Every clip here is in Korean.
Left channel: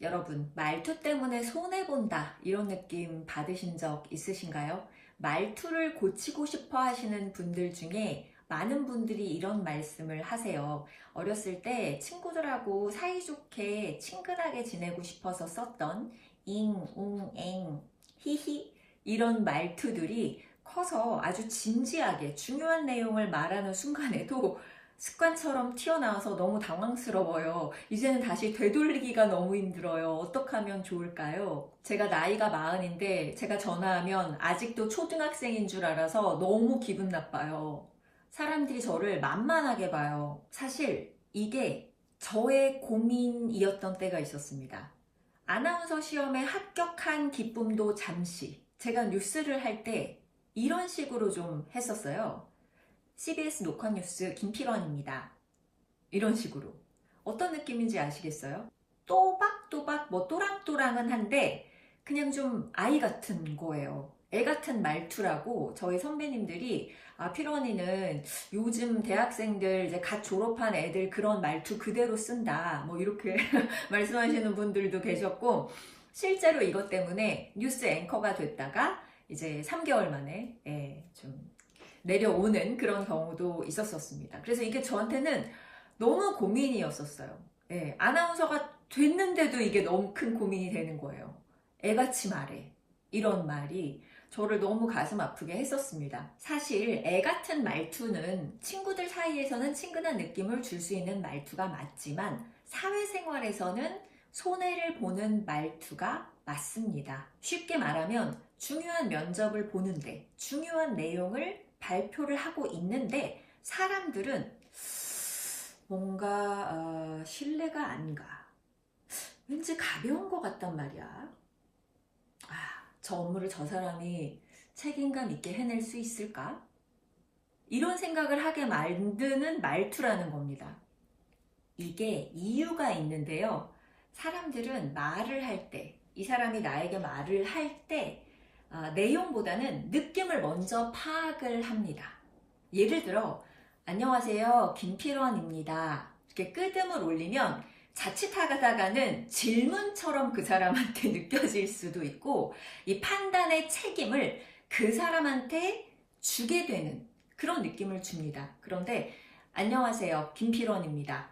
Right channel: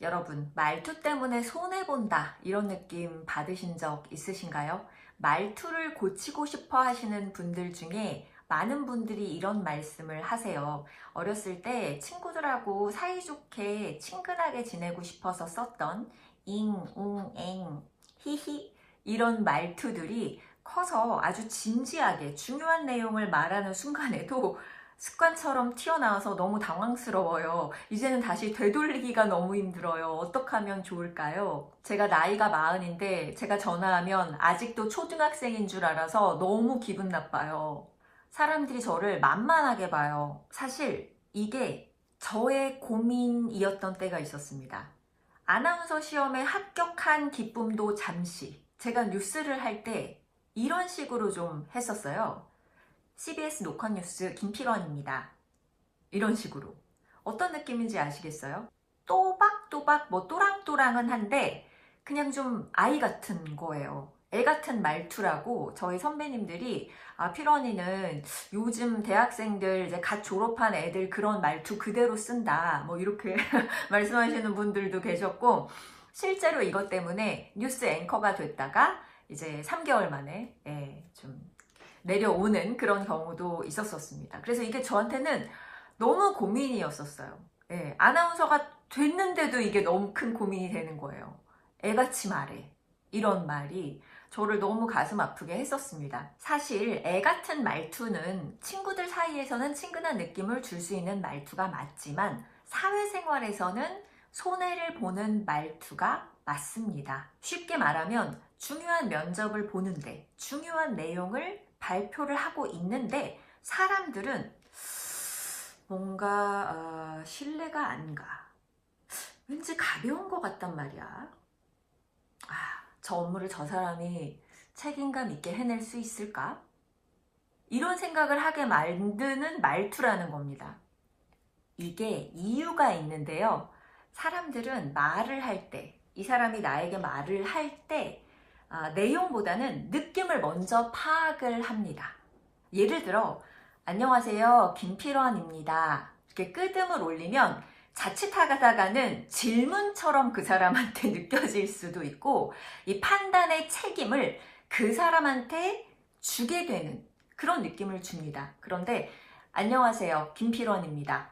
여러분, 말투 때문에 손해본다. 이런 느낌 받으신 적 있으신가요? 말투를 고치고 싶어 하시는 분들 중에 많은 분들이 이런 말씀을 하세요. 어렸을 때 친구들하고 사이좋게 친근하게 지내고 싶어서 썼던 잉, 웅, 엥, 히히 이런 말투들이 커서 아주 진지하게 중요한 내용을 말하는 순간에도 습관처럼 튀어나와서 너무 당황스러워요. 이제는 다시 되돌리기가 너무 힘들어요. 어떻게 하면 좋을까요? 제가 나이가 마흔인데 제가 전화하면 아직도 초등학생인 줄 알아서 너무 기분 나빠요. 사람들이 저를 만만하게 봐요. 사실 이게 저의 고민이었던 때가 있었습니다. 아나운서 시험에 합격한 기쁨도 잠시. 제가 뉴스를 할 때 이런 식으로 좀 했었어요. CBS 녹화뉴스 김필원입니다. 이런 식으로. 어떤 느낌인지 아시겠어요? 또박또박 뭐 또랑또랑은 한데 그냥 좀 아이 같은 거예요. 애 같은 말투라고 저희 선배님들이 아 필원이는 요즘 대학생들 이제 갓 졸업한 애들 그런 말투 그대로 쓴다 뭐 이렇게 말씀하시는 분들도 계셨고 실제로 이것 때문에 뉴스 앵커가 됐다가 이제 3개월 만에 예, 좀 내려오는 그런 경우도 있었었습니다. 그래서 이게 저한테는 너무 고민이었었어요. 예, 아나운서가 됐는데도 이게 너무 큰 고민이 되는 거예요. 애같이 말해. 이런 말이 저를 너무 가슴 아프게 했었습니다. 사실 애 같은 말투는 친구들 사이에서는 친근한 느낌을 줄 수 있는 말투가 맞지만 사회생활에서는 손해를 보는 말투가 맞습니다. 쉽게 말하면 중요한 면접을 보는데 중요한 내용을 발표를 하고 있는데 사람들은 뭔가 어, 신뢰가 안 가. 왠지 가벼운 것 같단 말이야. 아, 저 업무를 저 사람이 책임감 있게 해낼 수 있을까? 이런 생각을 하게 만드는 말투라는 겁니다. 이게 이유가 있는데요. 사람들은 말을 할 때, 이 사람이 나에게 말을 할 때 아, 내용보다는 느낌을 먼저 파악을 합니다. 예를 들어, 안녕하세요. 김필원입니다. 이렇게 끄듬을 올리면 자칫하다가는 질문처럼 그 사람한테 느껴질 수도 있고, 이 판단의 책임을 그 사람한테 주게 되는 그런 느낌을 줍니다. 그런데, 안녕하세요. 김필원입니다.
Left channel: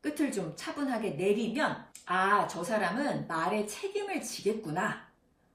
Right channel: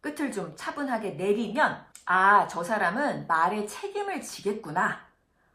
끝을 좀 차분하게 내리면, 아, 저 사람은 말에 책임을 지겠구나.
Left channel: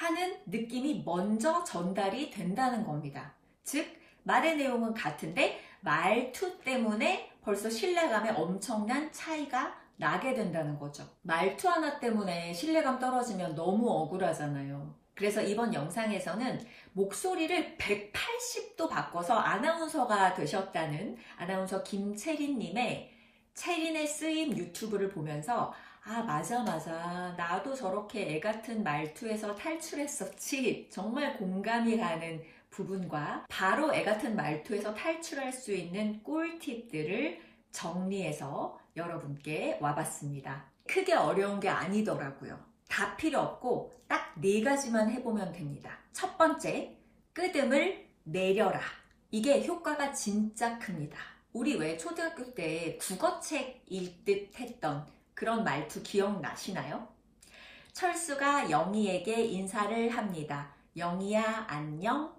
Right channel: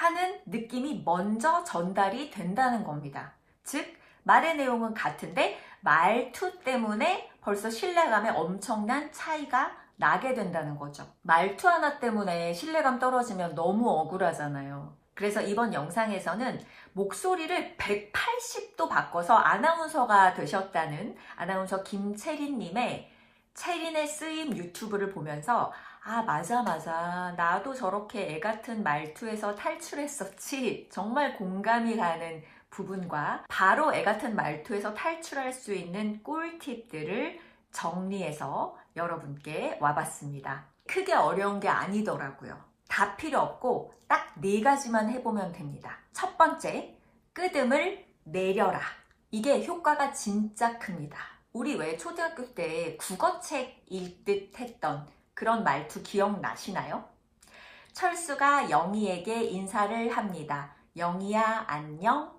하는 느낌이 먼저 전달이 된다는 겁니다. 즉, 말의 내용은 같은데 말투 때문에 벌써 신뢰감에 엄청난 차이가 나게 된다는 거죠. 말투 하나 때문에 신뢰감 떨어지면 너무 억울하잖아요. 그래서 이번 영상에서는 목소리를 180도 바꿔서 아나운서가 되셨다는 아나운서 김채린님의 채린의 쓰임 유튜브를 보면서 아, 맞아, 맞아. 나도 저렇게 애 같은 말투에서 탈출했었지. 정말 공감이 가는 부분과 바로 애 같은 말투에서 탈출할 수 있는 꿀팁들을 정리해서 여러분께 와봤습니다. 크게 어려운 게 아니더라고요. 다 필요 없고 딱 네 가지만 해보면 됩니다. 첫 번째, 끄듬을 내려라. 이게 효과가 진짜 큽니다. 우리 왜 초등학교 때 국어책 읽듯 했던 그런 말투 기억나시나요? 철수가 영희에게 인사를 합니다. 영희야 안녕.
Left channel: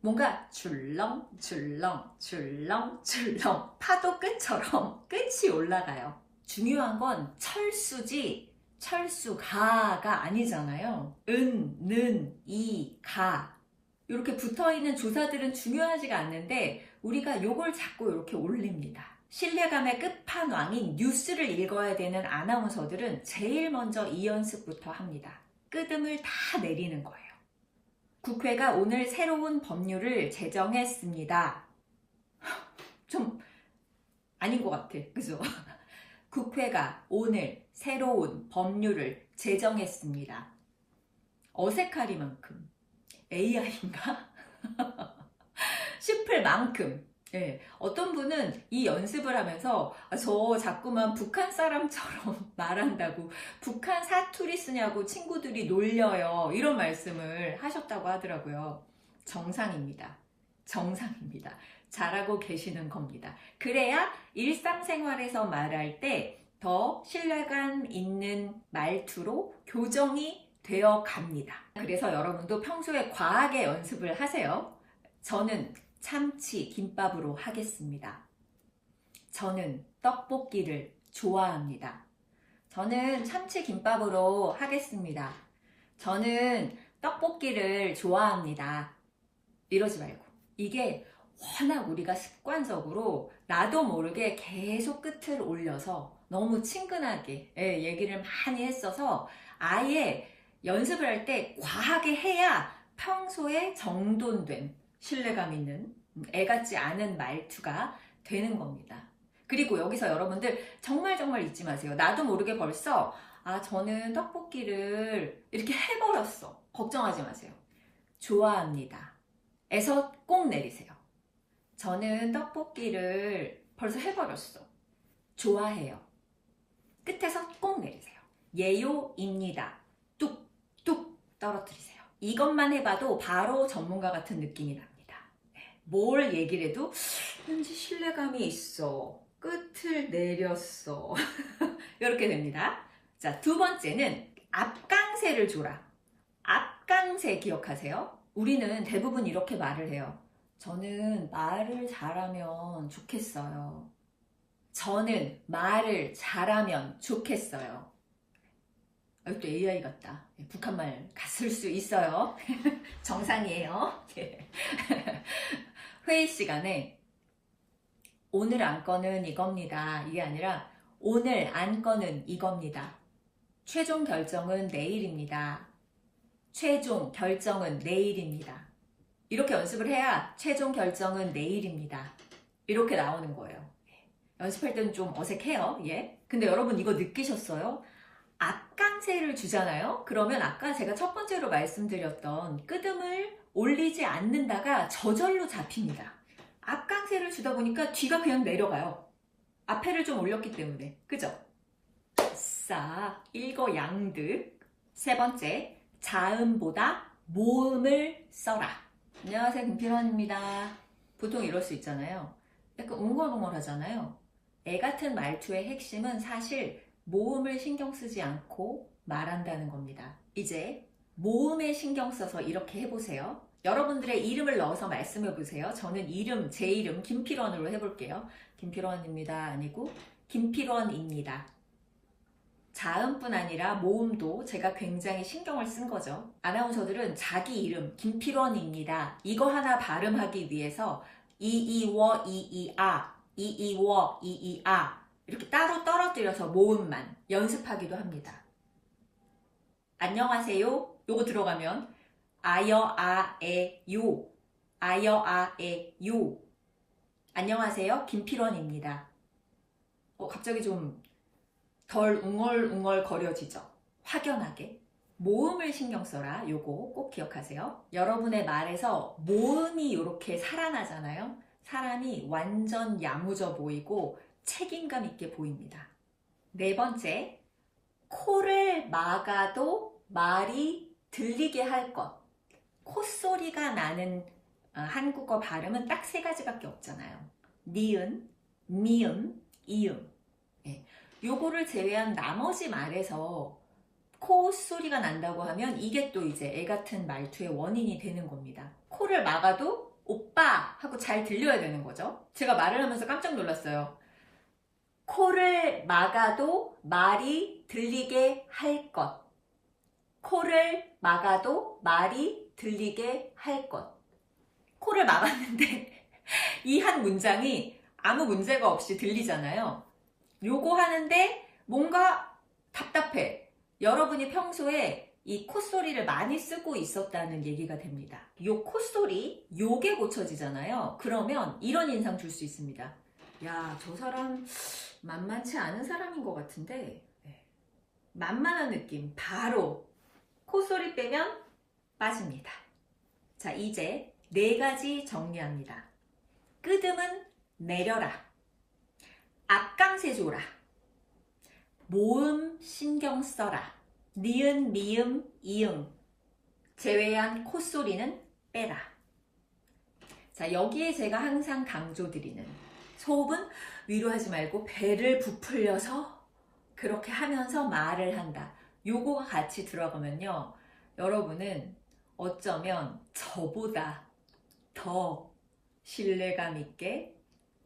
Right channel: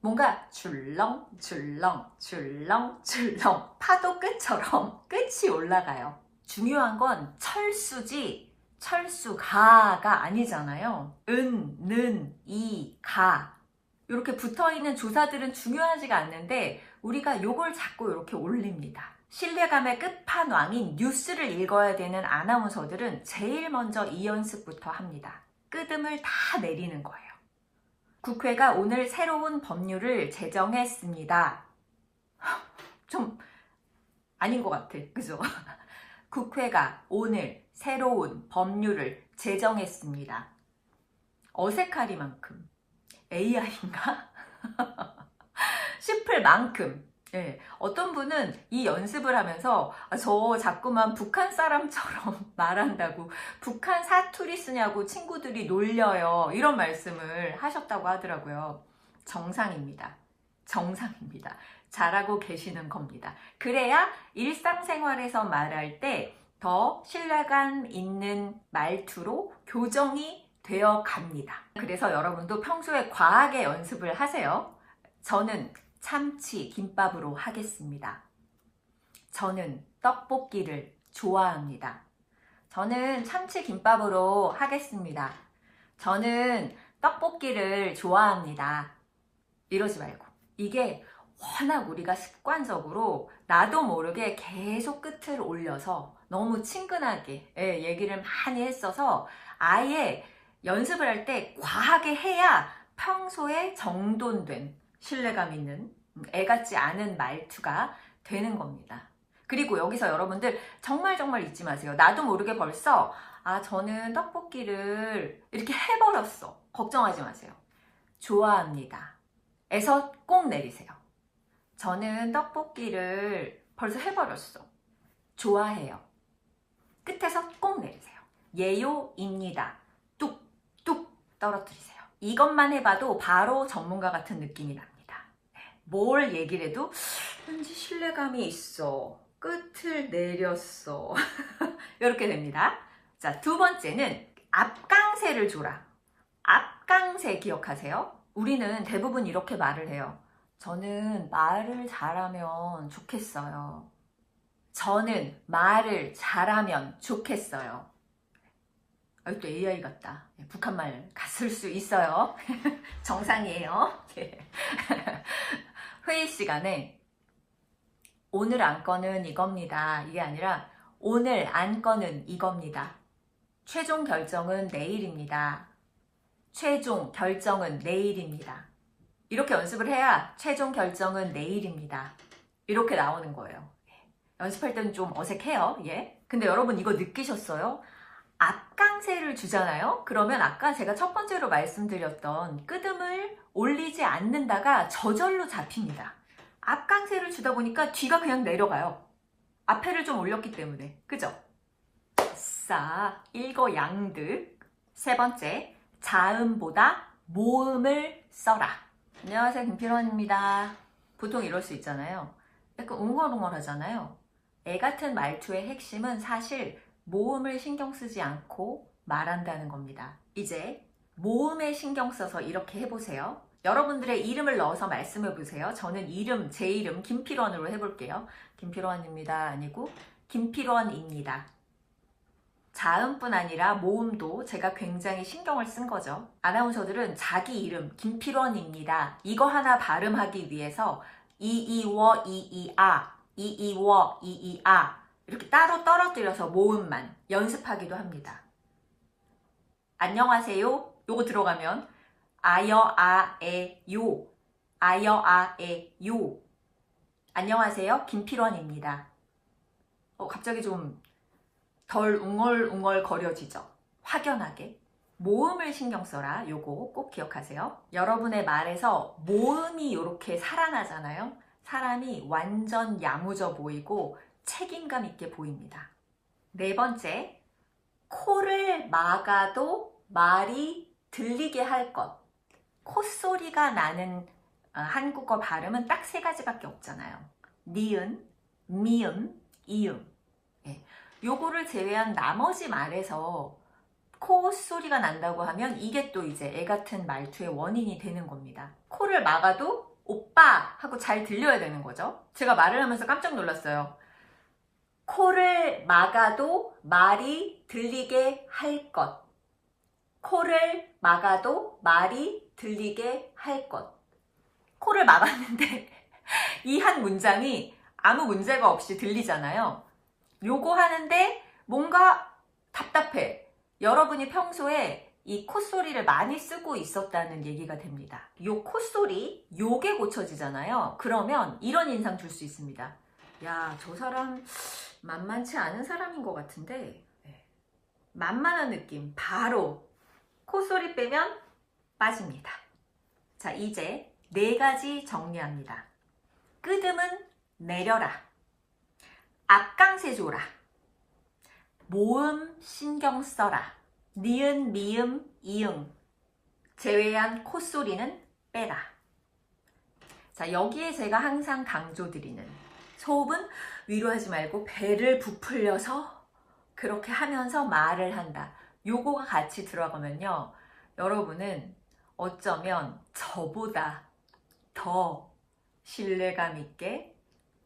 뭔가 줄렁 줄렁 줄렁 줄렁 파도 끝처럼 끝이 올라가요. 중요한 건 철수지 철수가가 아니잖아요. 은, 는, 이, 가 이렇게 붙어있는 조사들은 중요하지가 않는데 우리가 요걸 자꾸 이렇게 올립니다. 신뢰감의 끝판왕인 뉴스를 읽어야 되는 아나운서들은 제일 먼저 이 연습부터 합니다. 끄듬을 다 내리는 거예요. 국회가 오늘 새로운 법률을 제정했습니다. 좀 아닌 것 같아. 그죠? 국회가 오늘 새로운 법률을 제정했습니다. 어색하리만큼 AI인가? 싶을 만큼 네, 어떤 분은 이 연습을 하면서 아, 저 자꾸만 북한 사람처럼 말한다고 북한 사투리 쓰냐고 친구들이 놀려요. 이런 말씀을 하셨다고 하더라고요. 정상입니다. 정상입니다. 잘하고 계시는 겁니다. 그래야 일상생활에서 말할 때 더 신뢰감 있는 말투로 교정이 되어 갑니다. 그래서 여러분도 평소에 과하게 연습을 하세요. 저는 참치 김밥으로 하겠습니다. 저는 떡볶이를 좋아합니다. 저는 참치 김밥으로 하겠습니다. 저는 떡볶이를 좋아합니다. 이러지 말고. 이게 워낙 우리가 습관적으로 나도 모르게 계속 끝을 올려서 너무 친근하게 예, 얘기를 많이 했어서 아예 연습을 할 때 과하게 해야 평소에 정돈된 신뢰감 있는 음, 애 같지 않은 말투가 되는 겁니다. 그리고 여기서 여러분들 정말 정말 잊지 마세요. 나도 모르게 벌써 아 저는 떡볶이를 이렇게 해버렸어. 걱정하지 마세요. 좋아합니다. 에서 꼭 내리세요. 저는 떡볶이를 벌써 해버렸어. 좋아해요. 끝에서 꼭 내리세요. 예요입니다. 뚝 뚝 떨어뜨리세요. 이것만 해봐도 바로 전문가 같은 느낌이 납니다. 네, 뭘 얘기를 해도 왠지 신뢰감이 있어. 끝을 내렸어. 이렇게 됩니다. 자, 두 번째는 앞강세를 줘라. 앞강세 기억하세요? 우리는 대부분 이렇게 말을 해요. 저는 말을 잘하면 좋겠어요. 저는 말을 잘하면 좋겠어요. 아, 또 AI 같다. 예, 북한말 갔을 수 있어요. 정상이에요. 예. 회의 시간에 오늘 안건은 이겁니다. 이게 아니라 오늘 안건은 이겁니다. 최종 결정은 내일입니다. 최종 결정은 내일입니다. 이렇게 연습을 해야 최종 결정은 내일입니다. 이렇게 나오는 거예요. 연습할 때는 좀 어색해요. 예. 근데 여러분 이거 느끼셨어요? 앞강세를 주잖아요? 그러면 아까 제가 첫 번째로 말씀드렸던 끄듬을 올리지 않는다가 저절로 잡힙니다. 앞강세를 주다 보니까 뒤가 그냥 내려가요. 앞에를 좀 올렸기 때문에. 그죠? 싸, 일거양득. 세 번째, 자음보다 모음을 써라. 안녕하세요, 김필원입니다. 보통 이럴 수 있잖아요. 약간 웅얼웅얼 하잖아요. 애 같은 말투의 핵심은 사실 모음을 신경 쓰지 않고 말한다는 겁니다. 이제 모음에 신경 써서 이렇게 해보세요. 여러분들의 이름을 넣어서 말씀해 보세요. 저는 이름, 제 이름 김필원으로 해볼게요. 김필원입니다. 아니고 김필원입니다. 자음뿐 아니라 모음도 제가 굉장히 신경을 쓴 거죠. 아나운서들은 자기 이름 김필원입니다. 이거 하나 발음하기 위해서 이이워 이이아 이이워 이이아 이렇게 따로 떨어뜨려서 모음만 연습하기도 합니다. 안녕하세요. 요거 들어가면 아여 아에 요 아여 아에 요 안녕하세요. 김필원입니다. 어, 갑자기 좀 덜 웅얼웅얼 거려지죠. 확연하게. 모음을 신경 써라. 요거 꼭 기억하세요. 여러분의 말에서 모음이 이렇게 살아나잖아요. 사람이 완전 야무져 보이고 책임감 있게 보입니다. 네 번째, 코를 막아도 말이 들리게 할 것. 콧소리가 나는 어, 한국어 발음은 딱 세 가지밖에 없잖아요. 니은, 미음, 이음. 예. 요거를 제외한 나머지 말에서 코 소리가 난다고 하면 이게 또 이제 애 같은 말투의 원인이 되는 겁니다. 코를 막아도 오빠 하고 잘 들려야 되는 거죠. 제가 말을 하면서 깜짝 놀랐어요. 코를 막아도 말이 들리게 할 것. 코를 막아도 말이 들리게 할 것. 코를 막았는데 이 한 문장이 아무 문제가 없이 들리잖아요. 요거 하는데 뭔가 답답해. 여러분이 평소에 이 콧소리를 많이 쓰고 있었다는 얘기가 됩니다. 요 콧소리, 요게 고쳐지잖아요. 그러면 이런 인상 줄 수 있습니다. 야, 저 사람 만만치 않은 사람인 것 같은데, 네. 만만한 느낌, 바로 콧소리 빼면 빠집니다. 자, 이제 네 가지 정리합니다. 끄듬은 내려라. 앞강세 줘라. 모음 신경 써라. 니은, 미음, 이응. 제외한 콧소리는 빼라. 자, 여기에 제가 항상 강조드리는 소음은 위로 하지 말고 배를 부풀려서 그렇게 하면서 말을 한다. 요거가 같이 들어가면요. 여러분은 어쩌면 저보다 더 신뢰감 있게,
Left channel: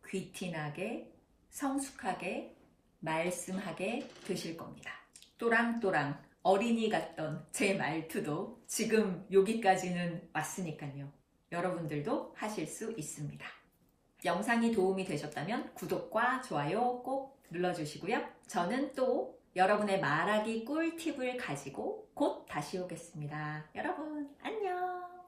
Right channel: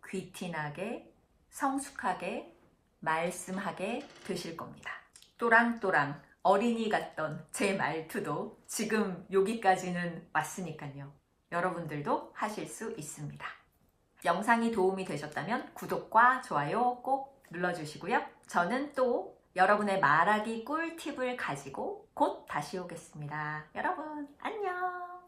귀티나게, 성숙하게, 말씀하게 되실 겁니다. 또랑또랑 어린이 같던 제 말투도 지금 여기까지는 왔으니까요. 여러분들도 하실 수 있습니다. 영상이 도움이 되셨다면 구독과 좋아요 꼭 눌러주시고요. 저는 또 여러분의 말하기 꿀팁을 가지고 곧 다시 오겠습니다. 여러분, 안녕!